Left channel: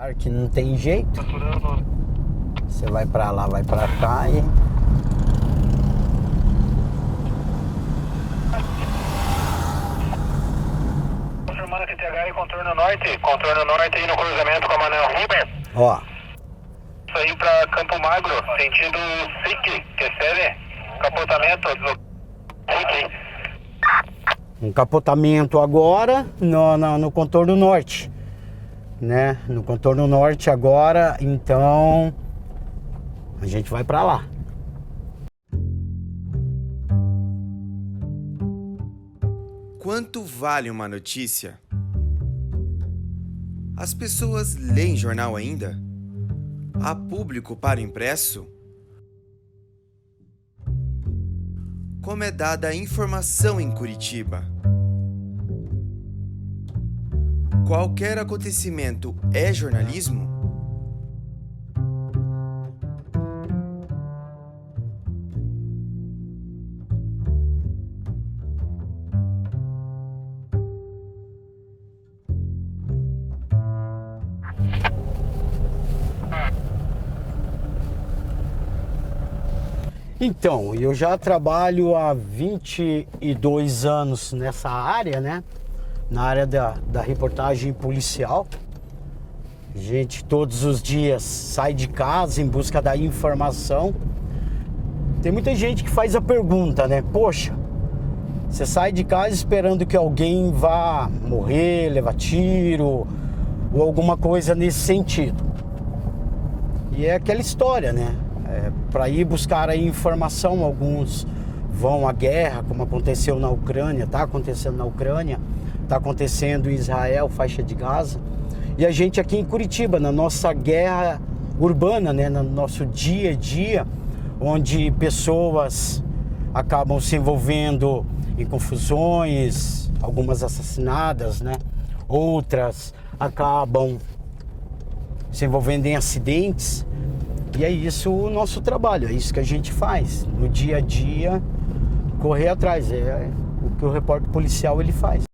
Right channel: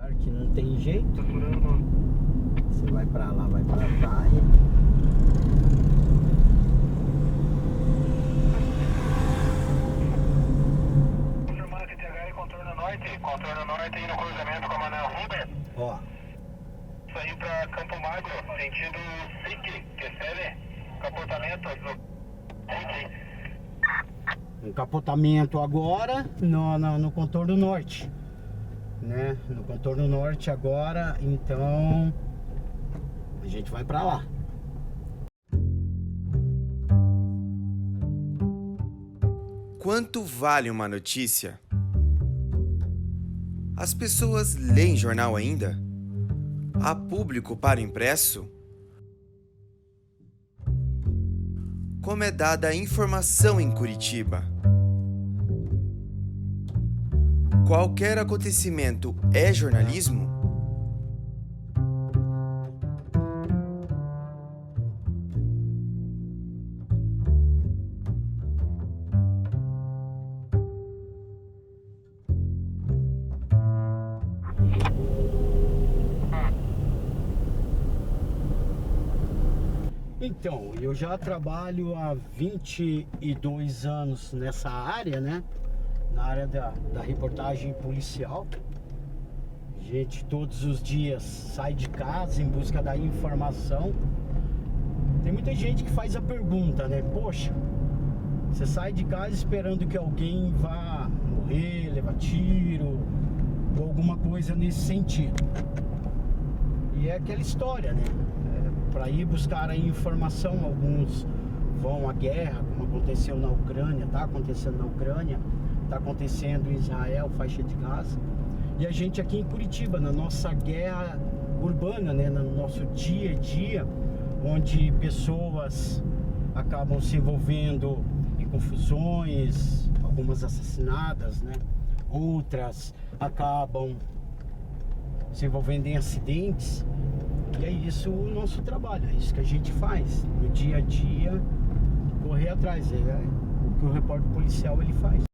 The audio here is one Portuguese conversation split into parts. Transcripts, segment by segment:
Apesar que não tem jeito. Você vai pra lá, vai pra cá e... Confirmando que TH e contorno norte aí no cruzamento com a Manuel Rubens. Ó. Saiu pra Campo Magro, sentido SIC, recebe capotamento, SIC. Um capotamento agora no contorno norte, né? No contorno norte agora, então a gente vai pra lá. Quanto vale uma notícia? As pessoas leem jornal ainda? Há público para o impresso? Como é dada a informação em Curitiba? Qualquer acontecimento é jornalismo? Então, eu já trabalho há 22 anos nessa área, né? Na área da reportagem policial. A gente todos os dias sai de casa em busca da informação. Tem muita gente que faz a pergunta, né? Poxa, você sai de casa esperando que alguém vá morrer, levar tiro ou alguma coisa nesse sentido. E é aquela história, né? Para ir buscar a informação, alguns vão à guerra, como aconteceu na Ucrânia, está acontecendo na Ucrânia, está acontecendo em Israel, faixa de Gaza. E a gente aqui em Curitiba, na nossa guerra urbana, né, no nosso dia a dia, onde pessoas acabam se envolvendo em confusões, algumas assassinadas, né? Outras acabam se envolvendo em acidentes. E é isso o nosso trabalho, é isso que a gente faz. No dia a dia, correr atrás, é o que o repórter policial ele faz.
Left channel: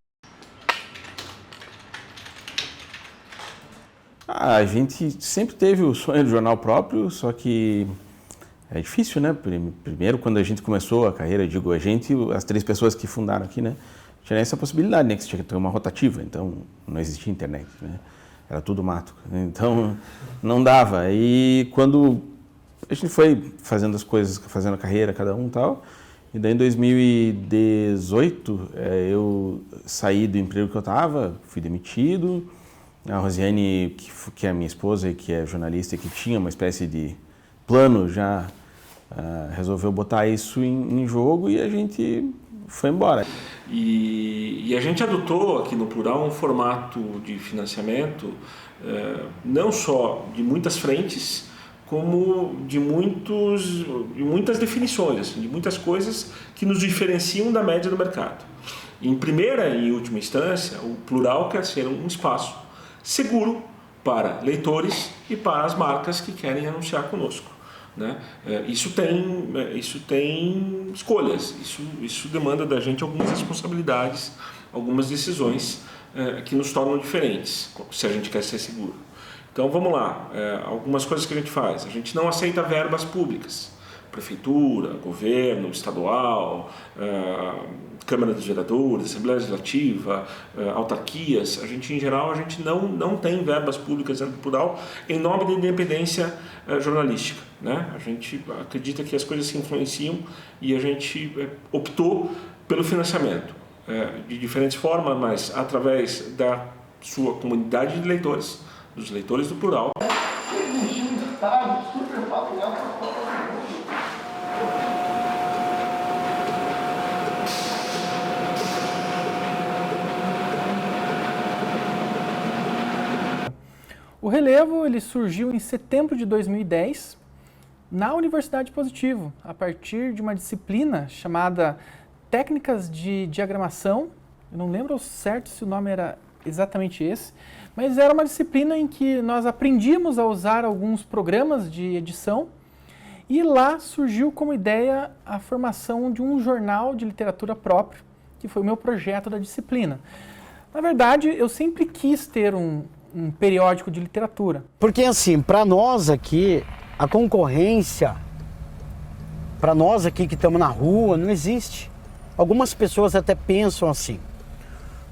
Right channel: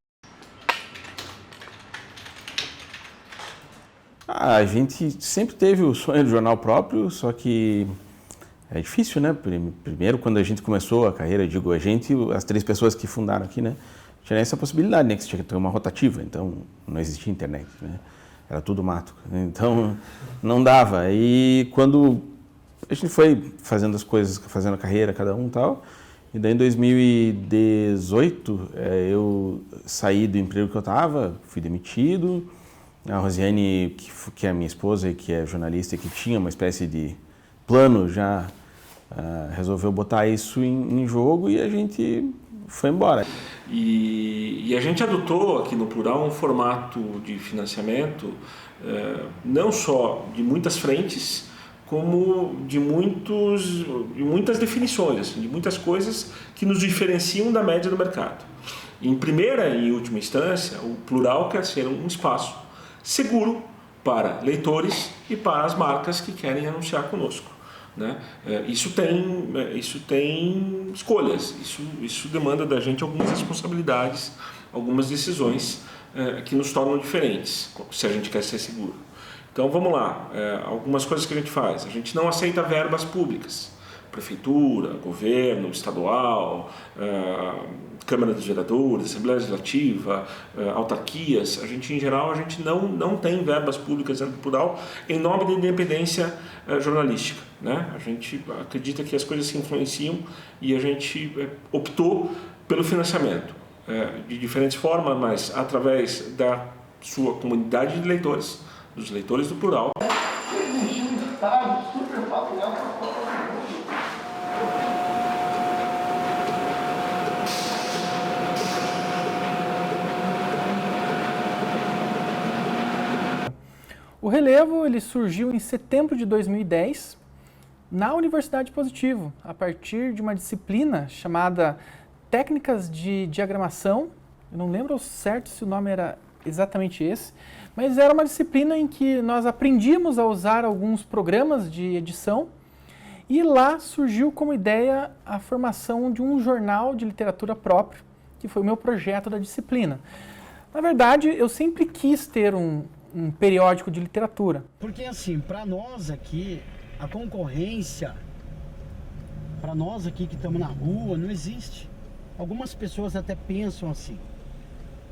A gente sempre teve o sonho do jornal próprio, só que é difícil, né? Primeiro, quando a gente começou a carreira, eu digo a gente, as 3 pessoas que fundaram aqui, né? Tinha essa possibilidade, né? Que você tinha que ter uma rotativa, então não existia internet, né? Era tudo mato, então não dava. E quando a gente foi fazendo as coisas, fazendo a carreira, cada um e tal, e daí em 2018 eu saí do emprego que eu estava, fui demitido. A Rosiane, que é a minha esposa e que é jornalista, que tinha uma espécie de plano já, resolveu botar isso em jogo e a gente foi embora. E a gente adotou aqui no Plural um formato de financiamento não só de muitas frentes, como de muitas definições, assim, de muitas coisas que nos diferenciam da média do mercado. Em primeira e última instância, o Plural quer ser um espaço seguro para leitores e para as marcas que querem anunciar conosco, né? Isso tem escolhas, isso demanda da gente algumas responsabilidades, algumas decisões que nos tornam diferentes, se a gente quer ser seguro. Então vamos lá, algumas coisas que a gente faz. A gente não aceita verbas públicas, prefeitura, governo, estadual, Câmara dos Vereadores, Assembleia Legislativa, autarquias. A gente, em geral, não tem verbas públicas dentro do Plural em nome da independência jornalística, né? A gente acredita que as coisas se influenciam e a gente optou pelo financiamento de diferentes formas, mas através da sua comunidade de leitores, dos leitores do Plural. O Relevo ele surgiu em setembro de 2010 na Universidade Positivo, a partir de uma disciplina chamada Técnicas de Diagramação. Eu não lembro certo se o nome era exatamente esse, mas era uma disciplina em que nós aprendíamos a usar alguns programas de edição e lá surgiu como ideia a formação de um jornal de literatura próprio, que foi o meu projeto da disciplina. Na verdade, eu sempre quis ter um um periódico de literatura. Porque assim, para nós aqui, a concorrência, para nós aqui que estamos na rua, não existe. Algumas pessoas até pensam assim.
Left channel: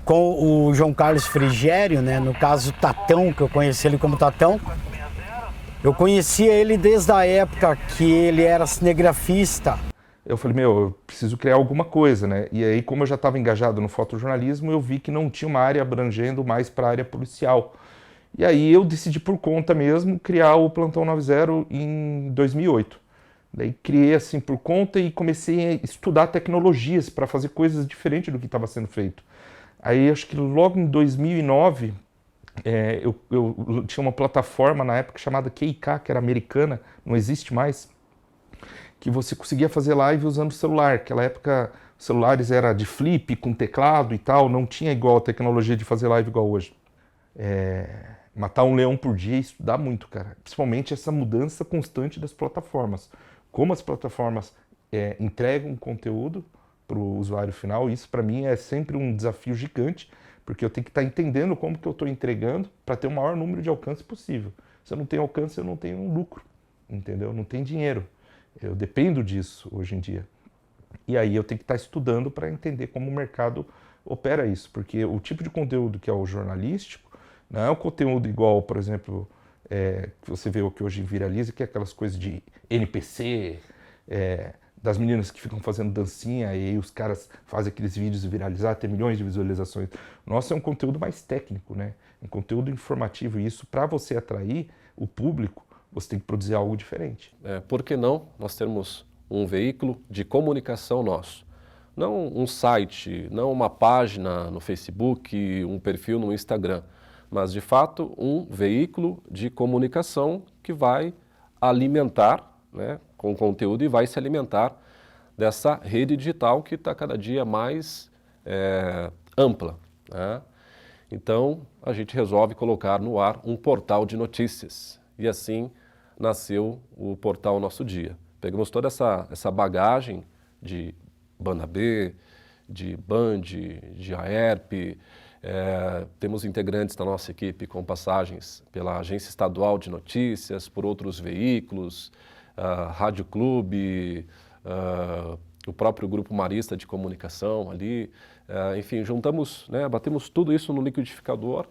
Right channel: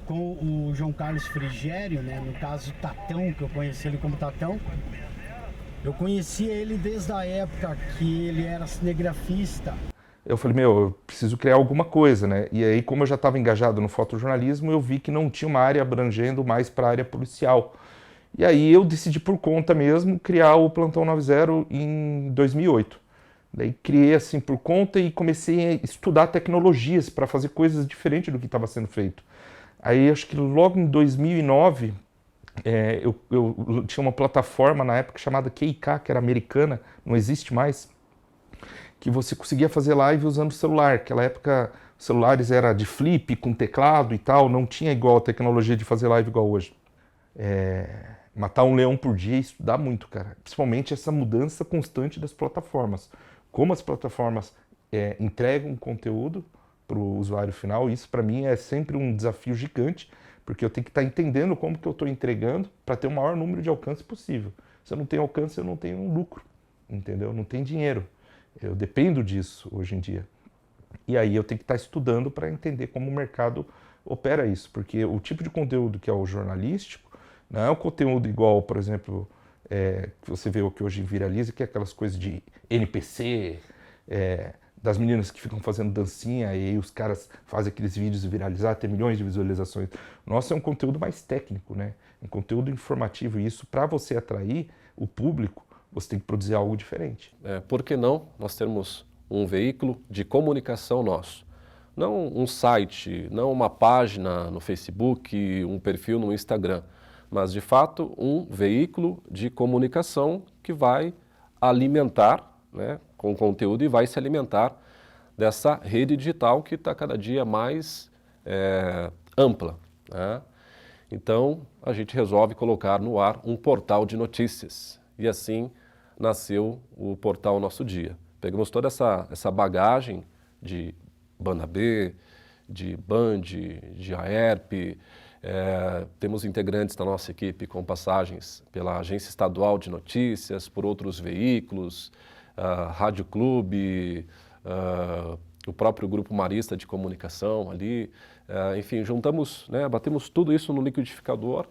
Com o João Carlos Frigério, né, no caso Tatão, que eu conheci ele como Tatão, eu conhecia ele desde a época que ele era cinegrafista. Eu falei, eu preciso criar alguma coisa, né? E aí, como eu já estava engajado no fotojornalismo, eu vi que não tinha uma área abrangendo mais para a área policial. E aí eu decidi por conta mesmo criar o Plantão 90 em 2008. Daí criei assim por conta e comecei a estudar tecnologias para fazer coisas diferentes do que estava sendo feito. Aí acho que logo em 2009, eu tinha uma plataforma na época chamada QIK, que era americana, não existe mais, que você conseguia fazer live usando o celular. Naquela época, os celulares era de flip, com teclado e tal, não tinha igual a tecnologia de fazer live igual hoje. Matar um leão por dia e estudar muito, cara. Principalmente essa mudança constante das plataformas. Como as plataformas entregam conteúdo para o usuário final, isso para mim é sempre um desafio gigante, porque eu tenho que estar entendendo como que eu estou entregando para ter o maior número de alcance possível. Se eu não tenho alcance, eu não tenho um lucro, entendeu? Não tem dinheiro. Eu dependo disso hoje em dia. E aí eu tenho que estar estudando para entender como o mercado opera isso, porque o tipo de conteúdo que é o jornalístico não é um conteúdo igual, por exemplo, que você vê o que hoje viraliza, que é aquelas coisas de NPC, das meninas que ficam fazendo dancinha e aí os caras fazem aqueles vídeos viralizar, ter milhões de visualizações. Nossa, é um conteúdo mais técnico, né? Um conteúdo informativo. E isso, para você atrair o público, você tem que produzir algo diferente. Por que não nós termos um veículo de comunicação nosso? Não um site, não uma página no Facebook, um perfil no Instagram, mas de fato um veículo de comunicação que vai alimentar, né, com conteúdo e vai se alimentar dessa rede digital que está cada dia mais ampla, né? Então a gente resolve colocar no ar um portal de notícias e assim nasceu o portal Nosso Dia. Pegamos toda essa bagagem de Banda B, de Band, de AERP, temos integrantes da nossa equipe com passagens pela Agência Estadual de Notícias, por outros veículos, Rádio Clube, o próprio Grupo Marista de Comunicação ali, enfim, juntamos, né, batemos tudo isso no liquidificador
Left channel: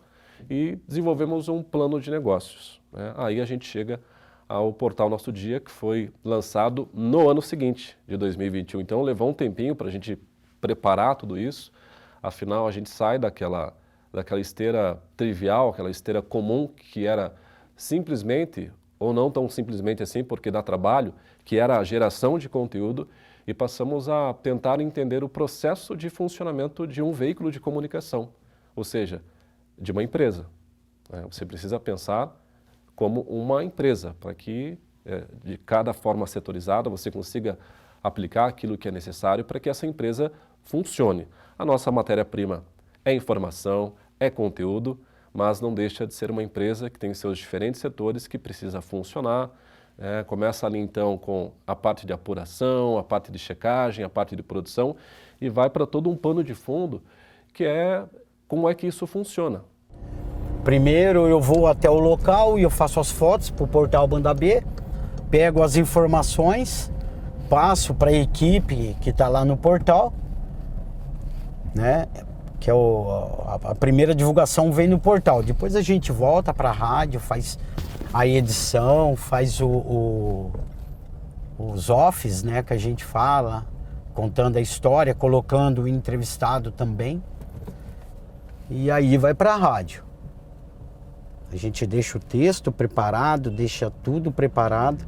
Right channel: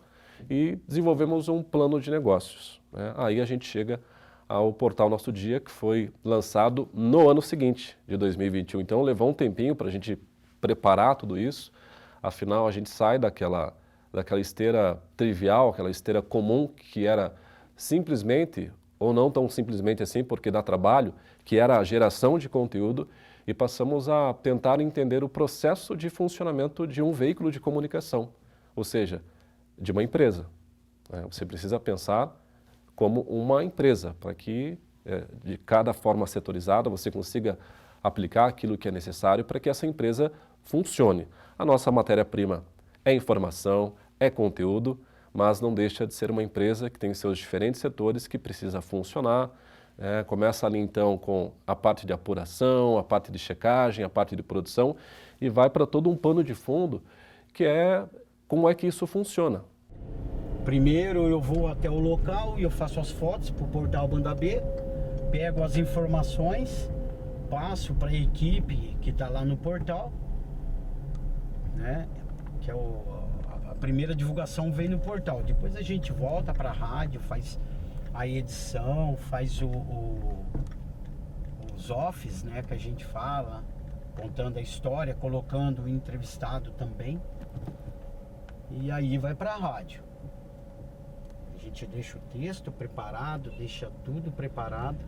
e desenvolvemos um plano de negócios, né? Aí a gente chega ao portal Nosso Dia, que foi lançado no ano seguinte, de 2021. Então levou um tempinho para a gente preparar tudo isso, afinal a gente sai daquela esteira trivial, aquela esteira comum que era simplesmente, ou não tão simplesmente assim, porque dá trabalho, que era a geração de conteúdo, e passamos a tentar entender o processo de funcionamento de um veículo de comunicação, ou seja, de uma empresa. Você precisa pensar como uma empresa, para que de cada forma setorizada você consiga aplicar aquilo que é necessário para que essa empresa funcione. A nossa matéria-prima é informação, é conteúdo, mas não deixa de ser uma empresa que tem seus diferentes setores que precisa funcionar. Começa ali então com a parte de apuração, a parte de checagem, a parte de produção e vai para todo um pano de fundo que é como é que isso funciona. Primeiro eu vou até o local e eu faço as fotos para o portal Banda B, pego as informações, passo para a equipe que está lá no portal, né? Que é a primeira divulgação vem no portal. Depois a gente volta para a rádio, faz a edição, faz os offs, né, que a gente fala, contando a história, colocando o entrevistado também. E aí vai para a rádio. A gente deixa o texto preparado, deixa tudo preparado.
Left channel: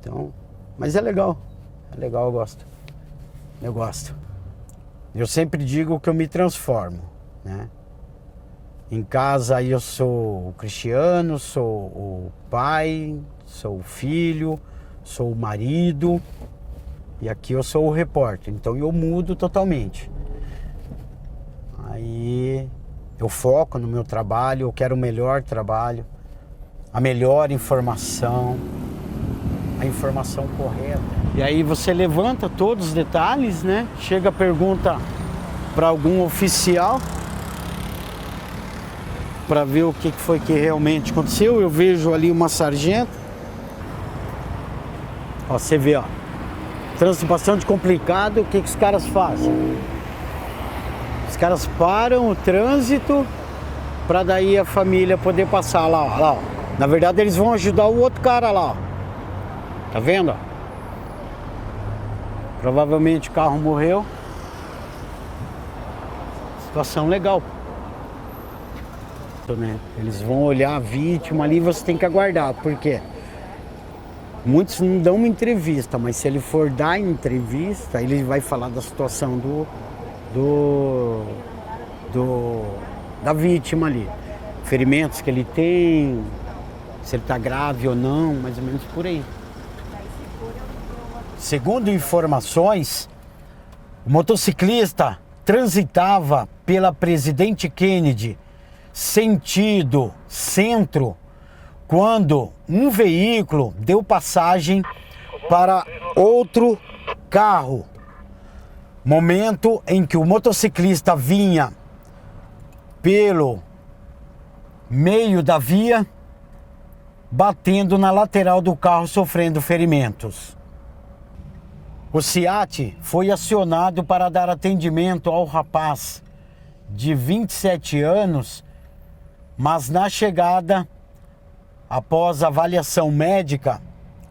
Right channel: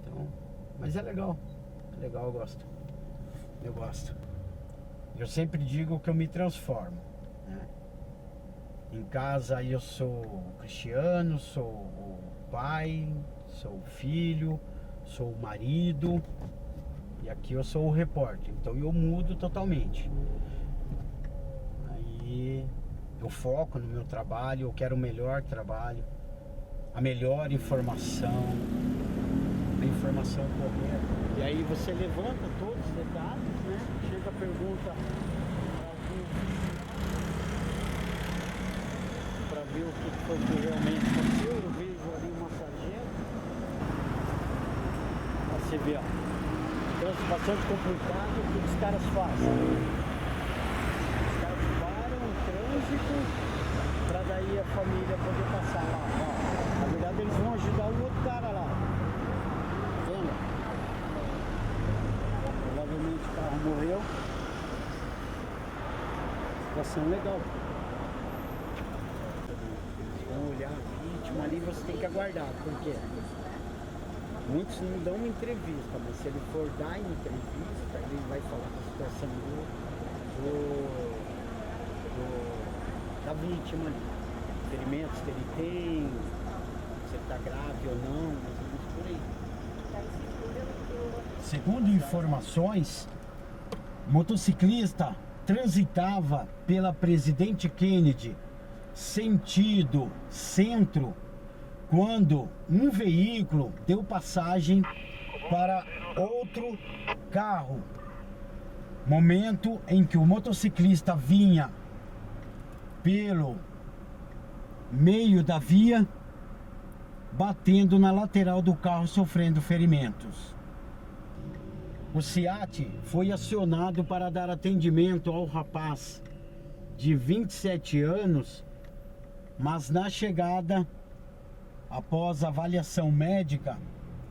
Então, mas é legal, eu gosto. Eu gosto. Eu sempre digo que eu me transformo, né? Em casa eu sou o Cristiano, sou o pai, sou o filho, sou o marido e aqui eu sou o repórter. Então eu mudo totalmente. Aí eu foco no meu trabalho, eu quero o melhor trabalho, a melhor informação, a informação correta. E aí você levanta todos os detalhes, né? Chega a pergunta para algum oficial. para ver o que foi que realmente aconteceu. Eu vejo ali uma sargento. Ó, você vê, ó. Trânsito bastante complicado. O que os caras fazem? Os caras param o trânsito para daí a família poder passar lá, ó, lá, ó. Na verdade, eles vão ajudar o outro cara lá, ó. Tá vendo? Ó? Provavelmente o carro morreu. Situação legal. Né? Eles vão olhar a vítima ali e você tem que aguardar. Por quê? Muitos não dão uma entrevista, mas se ele for dar entrevista, ele vai falar da situação da vítima ali. Ferimentos que ele tem, se ele está grave ou não, mais ou menos por aí. Segundo informações, o motociclista transitava pela Presidente Kennedy, sentido centro, quando um veículo deu passagem para outro carro. Momento em que o motociclista vinha pelo meio da via, batendo na lateral do carro, sofrendo ferimentos. O SEAT foi acionado para dar atendimento ao rapaz de 27 anos, mas na chegada, após avaliação médica,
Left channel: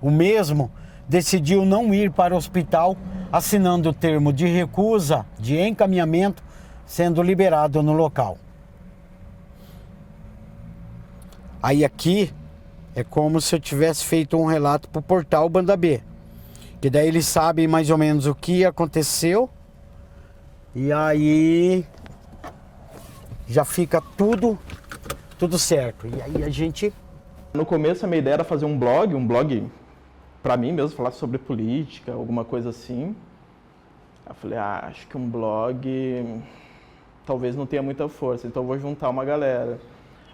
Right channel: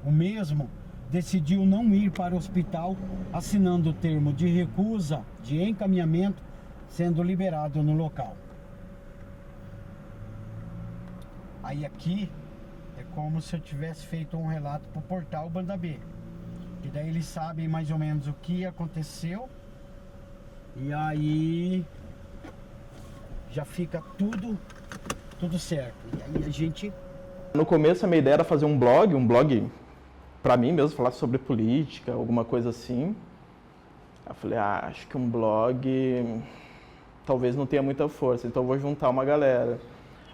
o mesmo decidiu não ir para o hospital, assinando o termo de recusa de encaminhamento, sendo liberado no local. Aí aqui é como se eu tivesse feito um relato para o portal Banda B. Que daí eles sabem mais ou menos o que aconteceu. E aí já fica tudo certo. E aí a gente... No começo a minha ideia era fazer um blog para mim mesmo, falar sobre política, alguma coisa assim. Eu falei, acho que um blog talvez não tenha muita força, então eu vou juntar uma galera.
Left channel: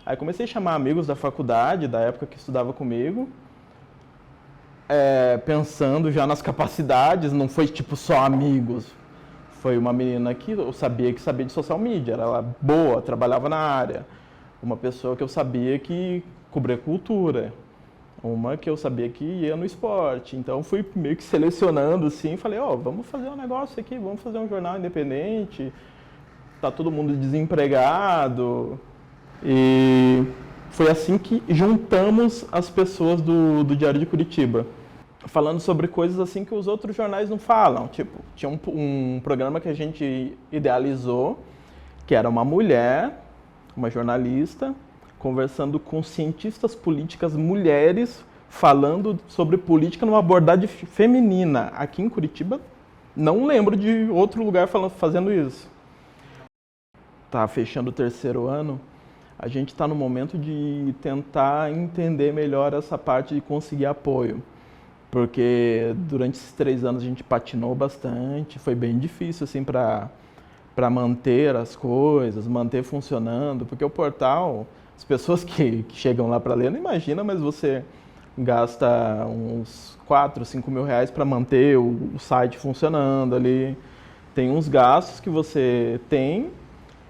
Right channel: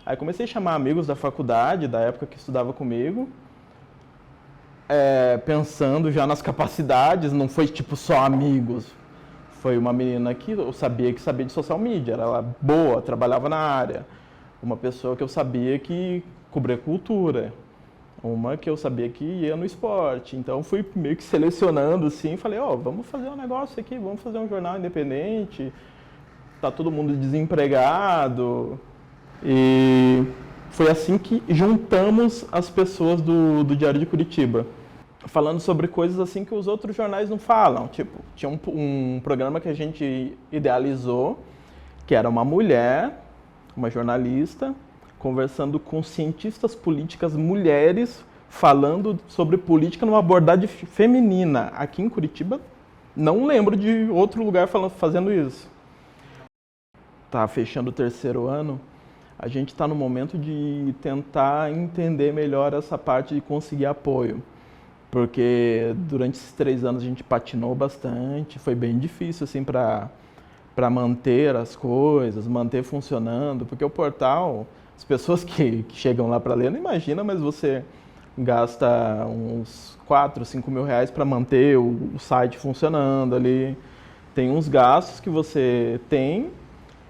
Aí comecei a chamar amigos da faculdade, da época que estudava comigo, pensando já nas capacidades, não foi tipo só amigos. Foi uma menina que eu sabia de social media, era boa, trabalhava na área. Uma pessoa que eu sabia que cobria cultura. Uma que eu sabia que ia no esporte. Então fui meio que selecionando assim, falei, vamos fazer um negócio aqui, vamos fazer um jornal independente. Tá todo mundo desempregado. E foi assim que juntamos as pessoas do Diário de Curitiba, falando sobre coisas assim que os outros jornais não falam. Tipo, tinha um programa que a gente idealizou, que era uma mulher, uma jornalista, conversando com cientistas políticas mulheres, falando sobre política numa abordagem feminina. Aqui em Curitiba, não lembro de outro lugar fazendo isso. Tá fechando o 3º ano. A gente está no momento de tentar entender melhor essa parte de conseguir apoio. Porque durante esses 3 anos a gente patinou bastante, foi bem difícil assim, para manter as coisas, manter funcionando. Porque o portal, as pessoas que chegam lá para ler não imaginam, mas você gasta uns 4, 5 mil reais para manter o site funcionando ali. Tem uns gastos que você tem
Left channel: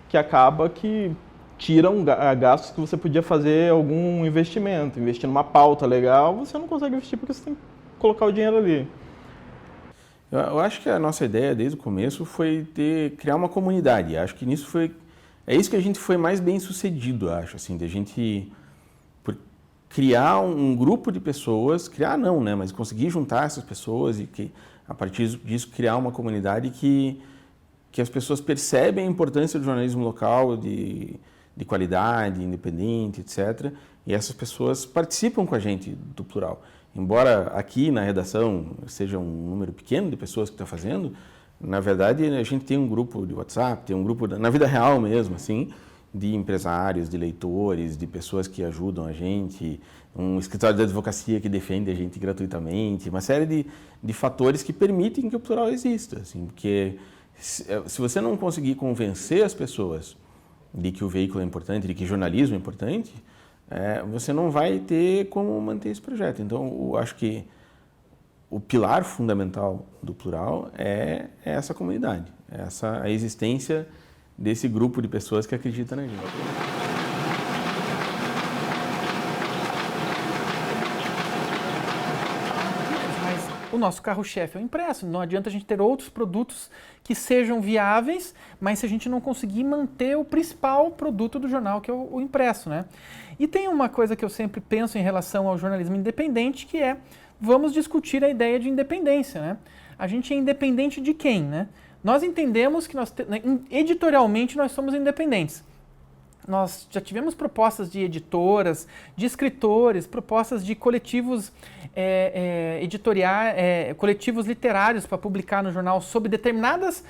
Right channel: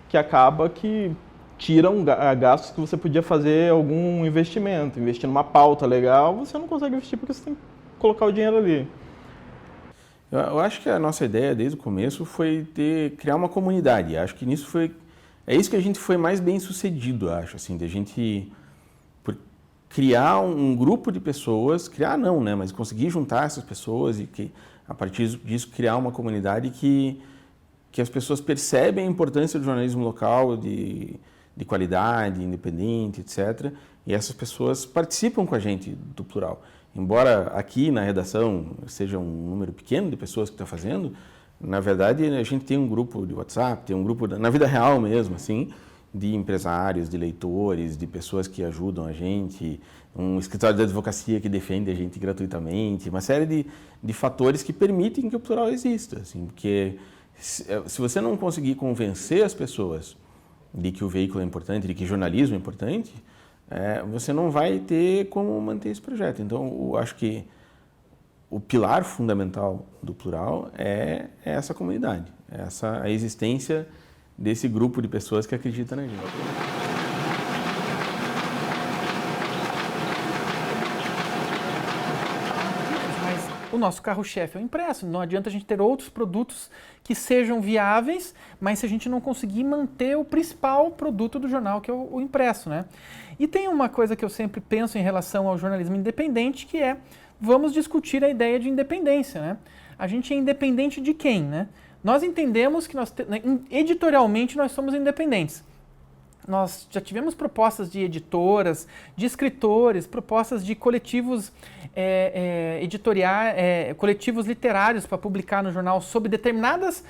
que acaba que tiram gastos que você podia fazer algum investimento. Investir numa pauta legal, você não consegue investir porque você tem que colocar o dinheiro ali. Eu acho que a nossa ideia desde o começo foi criar uma comunidade. Acho que nisso é isso que a gente foi mais bem sucedido, acho, assim, de a gente criar um grupo de pessoas, mas conseguir juntar essas pessoas e que a partir disso criar uma comunidade que as pessoas percebem a importância do jornalismo local, de qualidade, independente, etc. E essas pessoas participam com a gente do Plural. Embora aqui na redação seja um número pequeno de pessoas que estão fazendo, na verdade a gente tem um grupo de WhatsApp, tem um grupo, na vida real mesmo, assim, de empresários, de leitores, de pessoas que ajudam a gente, um escritório de advocacia que defende a gente gratuitamente, uma série de fatores que permitem que o Plural exista, assim, porque se você não conseguir convencer as pessoas de que o veículo é importante, de que jornalismo é importante, você não vai ter como manter esse projeto. Então, eu acho que o pilar fundamental do Plural é essa comunidade, a existência desse grupo de pessoas que acreditam na gente. o nosso carro-chefe é o impresso. Não adianta a gente ter outros produtos que sejam viáveis, mas se a gente não conseguir manter o principal produto do jornal, que é o impresso, né? E tem uma coisa que eu sempre penso em relação ao jornalismo independente, que é, vamos discutir a ideia de independência, né? A gente é independente de quem, né? Nós entendemos que editorialmente nós somos independentes. Nós já tivemos propostas de editoras, de escritores, propostas de coletivos editoriais, coletivos literários para publicar no jornal sobre determinadas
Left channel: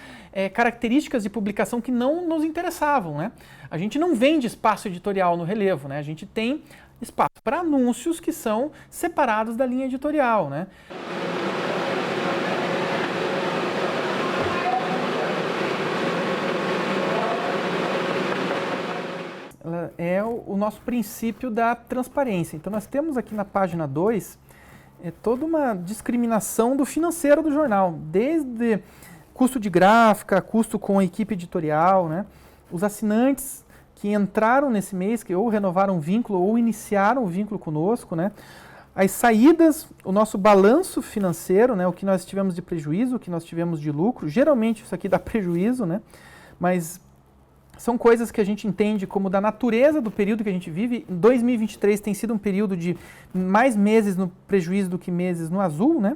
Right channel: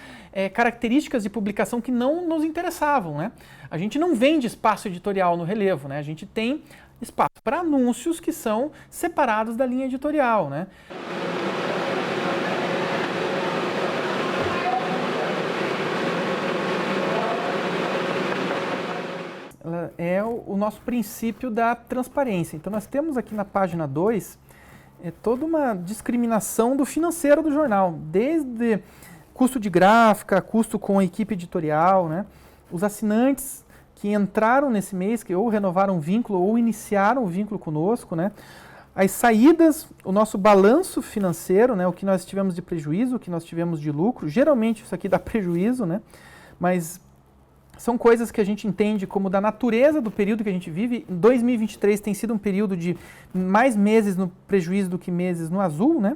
características de publicação que não nos interessavam, né? A gente não vende espaço editorial no relevo, né? A gente tem espaço para anúncios que são separados da linha editorial, né? É o nosso princípio da transparência. Então nós temos aqui na página 2 toda uma discriminação do financeiro do jornal, desde custo de gráfica, custo com a equipe editorial, né? Os assinantes que entraram nesse mês, que ou renovaram o vínculo ou iniciaram o vínculo conosco, né? As saídas, o nosso balanço financeiro, né? O que nós tivemos de prejuízo, o que nós tivemos de lucro. Geralmente isso aqui dá prejuízo, né? Mas são coisas que a gente entende como da natureza do período que a gente vive. 2023 tem sido um período de mais meses no prejuízo do que meses no azul, né?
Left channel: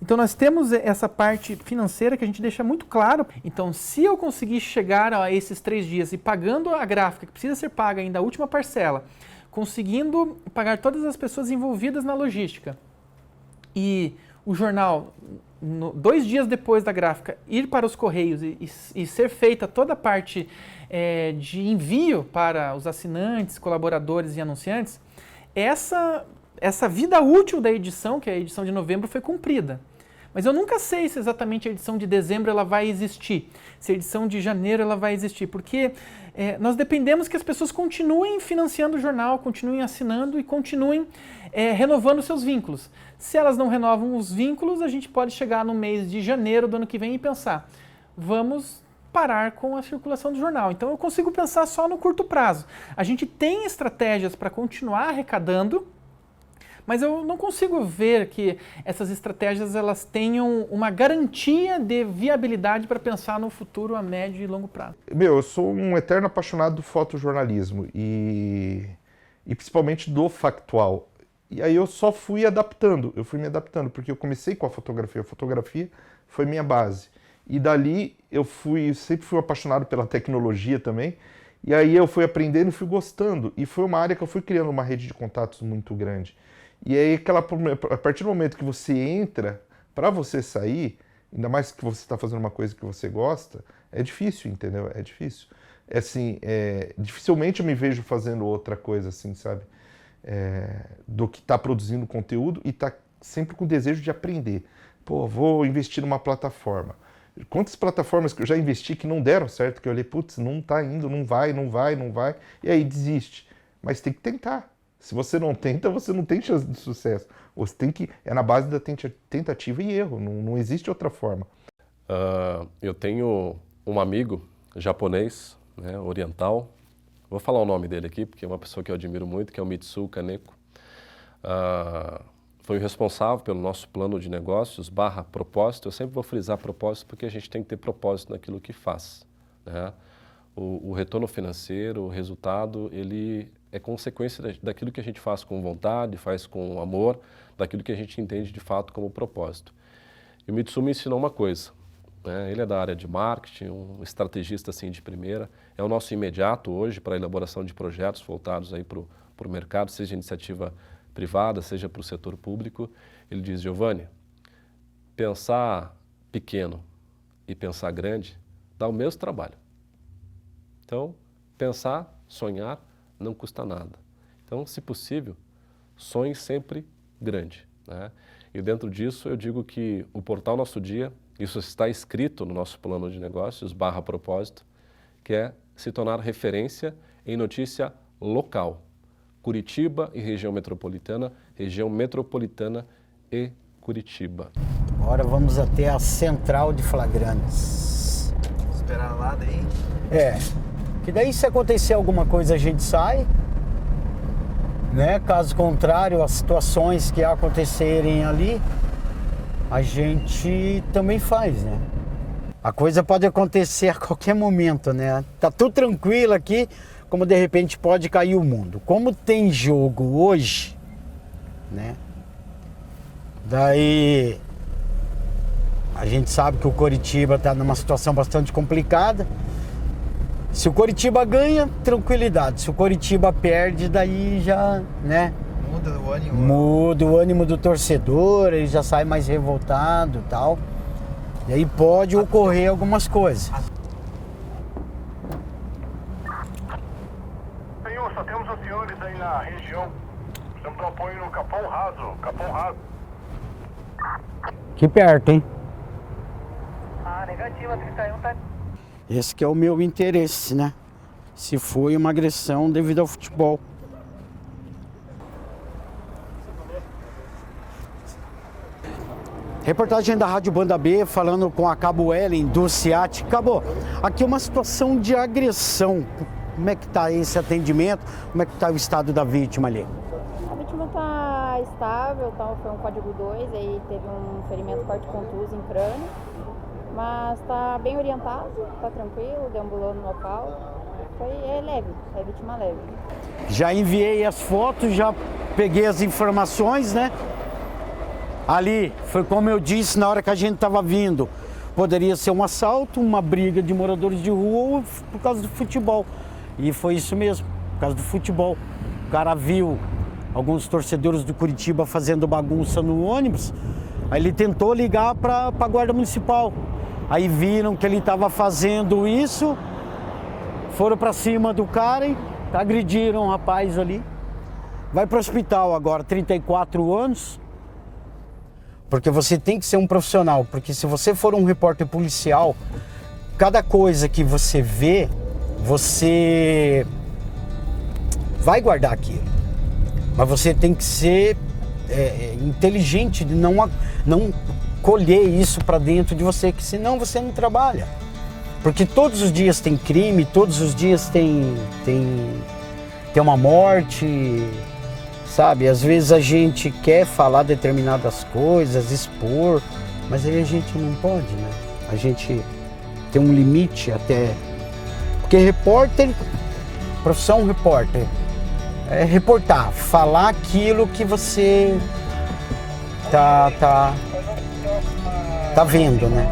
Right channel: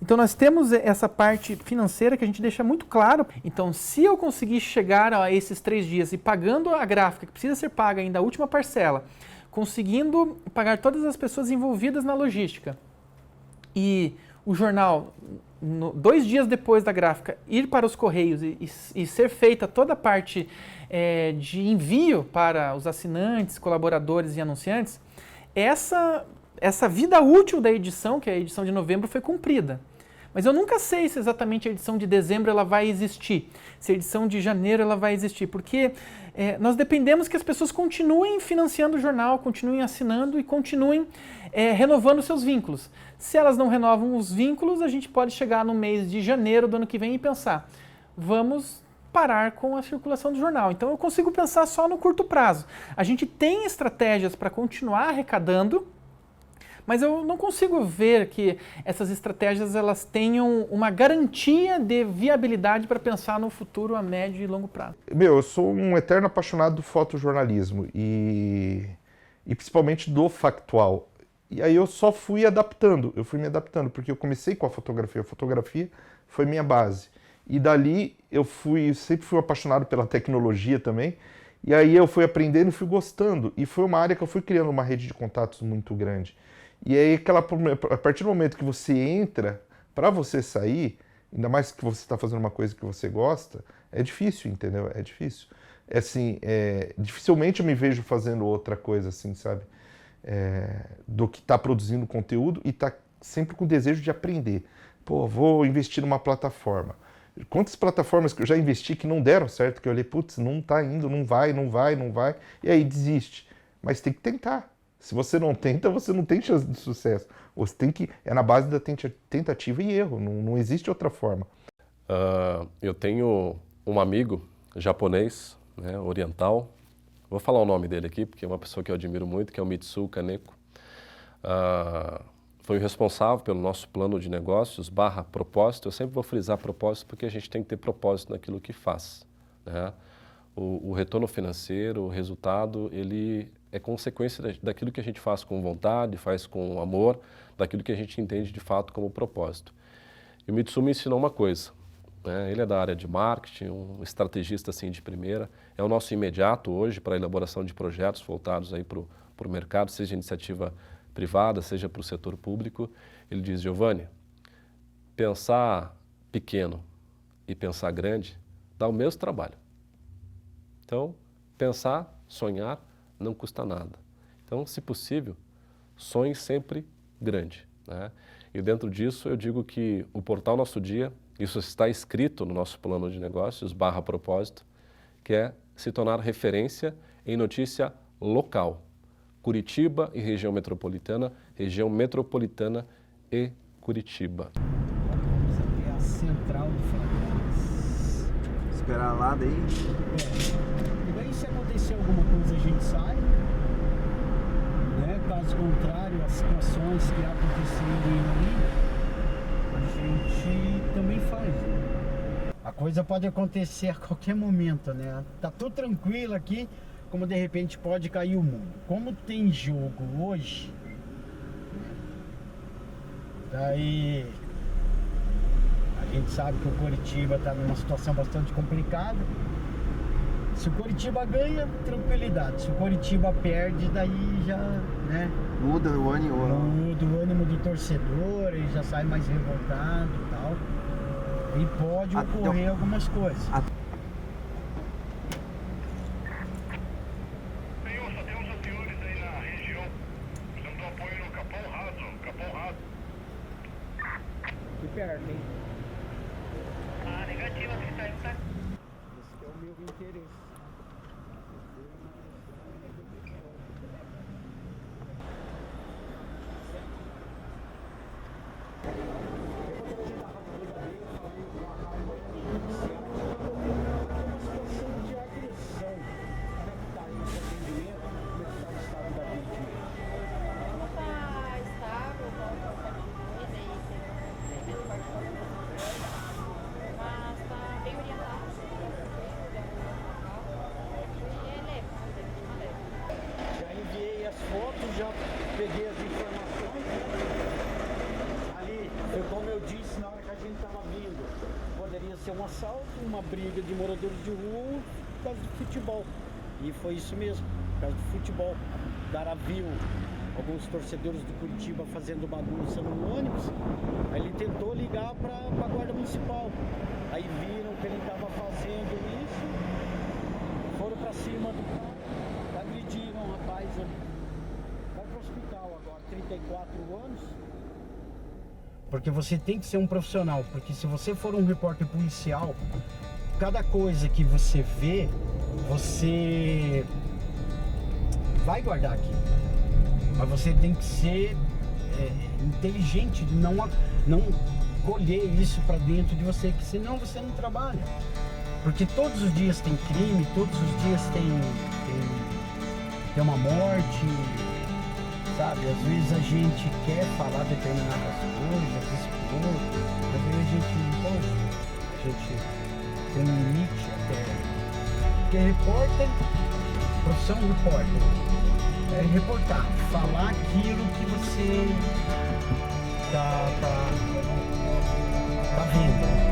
Então nós temos essa parte financeira que a gente deixa muito claro. Então se eu conseguir chegar a esses 3 dias e pagando a gráfica que precisa ser paga ainda a última parcela, conseguindo pagar todas as pessoas envolvidas na logística e o jornal, 2 dias depois da gráfica, ir para os correios e ser feita toda a parte de envio para os assinantes, colaboradores e anunciantes, essa vida útil da edição, que é a edição de novembro, foi cumprida. Mas eu nunca sei se exatamente a edição de dezembro ela vai existir, se a edição de janeiro ela vai existir, porque nós dependemos que as pessoas continuem financiando o jornal, continuem assinando e continuem renovando seus vínculos. Se elas não renovam os vínculos, a gente pode chegar no mês de janeiro do ano que vem e pensar, vamos parar com a circulação do jornal. Então eu consigo pensar só no curto prazo. A gente tem estratégias para continuar arrecadando, mas eu não consigo ver que essas estratégias elas tenham uma garantia de viabilidade para pensar no futuro a médio e longo prazo. Eu sou um eterno apaixonado do fotojornalismo e principalmente do factual. E aí eu só fui adaptando, porque eu comecei com a fotografia foi minha base. E dali eu sempre fui apaixonado pela tecnologia também, e aí eu fui aprendendo e fui gostando, e foi uma área que eu fui criando uma rede de contatos muito grande. E aí a partir do momento que você entra, para você sair, ainda mais que você está fazendo uma coisa que você gosta, é difícil, entendeu? É difícil. Dificilmente eu me vejo fazendo outra coisa assim, sabe? Do que tá produzindo conteúdo e tá sempre com o desejo de aprender. Pô, vou investir numa plataforma. Quantas plataformas que eu já investi que não deram certo, que eu olhei, putz, não tá indo, não vai, e aí desiste. Mas tem que tentar. Se você não tenta, você não tem chance de sucesso. Você tem que, na base da tentativa e erro, não existe outra forma. Eu tenho um amigo japonês, né, oriental, vou falar o nome dele aqui, porque é uma pessoa que eu admiro muito, que é o Mitsuo Kaneko. Foi o responsável pelo nosso plano de negócios / propósito. Eu sempre vou frisar propósito porque a gente tem que ter propósito naquilo que faz, né? O retorno financeiro, o resultado, ele é consequência daquilo que a gente faz com vontade, faz com amor, daquilo que a gente entende de fato como propósito. E o Mitsuo me ensinou uma coisa, né? Ele é da área de marketing, um estrategista assim de primeira, é o nosso imediato hoje para a elaboração de projetos voltados aí para o mercado, seja iniciativa privada, seja para o setor público. Ele diz, Giovanni, pensar pequeno e pensar grande dá o mesmo trabalho. Então, pensar, sonhar, não custa nada. Então, se possível, sonhe sempre grande, né? E dentro disso, eu digo que o portal Nosso Dia, isso está escrito no nosso plano de negócios / propósito, que é se tornar referência em notícia local. Curitiba e região metropolitana e Curitiba. Agora vamos até a central de flagrantes. Esperar lá daí? Que daí se acontecer alguma coisa a gente sai, né? Caso contrário, as situações que acontecerem ali, a gente também faz, né? A coisa pode acontecer a qualquer momento, né? Tá tudo tranquilo aqui, como de repente pode cair o mundo. Como tem jogo hoje, né? Daí a gente sabe que o Coritiba está numa situação bastante complicada. Se o Coritiba ganha, tranquilidade. Se o Coritiba perde, daí já, né? Muda o ânimo. Muda o ânimo do torcedor, ele já sai mais revoltado e tal. E aí pode ocorrer algumas coisas. Só temos os senhores aí na região. Precisamos de um apoio no Capão Raso. Capão Raso. Aqui perto, hein? Negativa, 31 tá. Esse que é o meu interesse, né? Se foi uma agressão devido ao futebol. Reportagem da Rádio Banda B, falando com a Cabo Ellen do CIAT. Cabo, aqui uma situação de agressão. Como é que está esse atendimento? Como é que está o estado da vítima ali? A vítima está estável, tá, foi um código 2, aí teve um ferimento forte contuso em crânio, mas está bem orientado, está tranquilo, deambulando no local. É leve, é vítima leve. Já enviei as fotos, já peguei as informações, né? Ali, foi como eu disse na hora que a gente estava vindo, poderia ser um assalto, uma briga de moradores de rua ou por causa do futebol. E foi isso mesmo, por causa do futebol. O cara viu alguns torcedores do Coritiba fazendo bagunça no ônibus, aí ele tentou ligar para a guarda municipal. Aí viram que ele estava fazendo isso, foram para cima do cara e agrediram o rapaz ali. Vai para o hospital agora, 34 anos. Porque você tem que ser um profissional, porque se você for um repórter policial, cada coisa que você vê, você vai guardar aquilo. Mas você tem que ser inteligente, de não colher isso para dentro de você, que senão você não trabalha. Porque todos os dias tem crime, todos os dias tem uma morte. Sabe, às vezes a gente quer falar determinadas coisas, expor, mas aí a gente não pode, né? A gente tem um limite até. Porque repórter, profissão repórter, é reportar, falar aquilo que você tá vendo, né?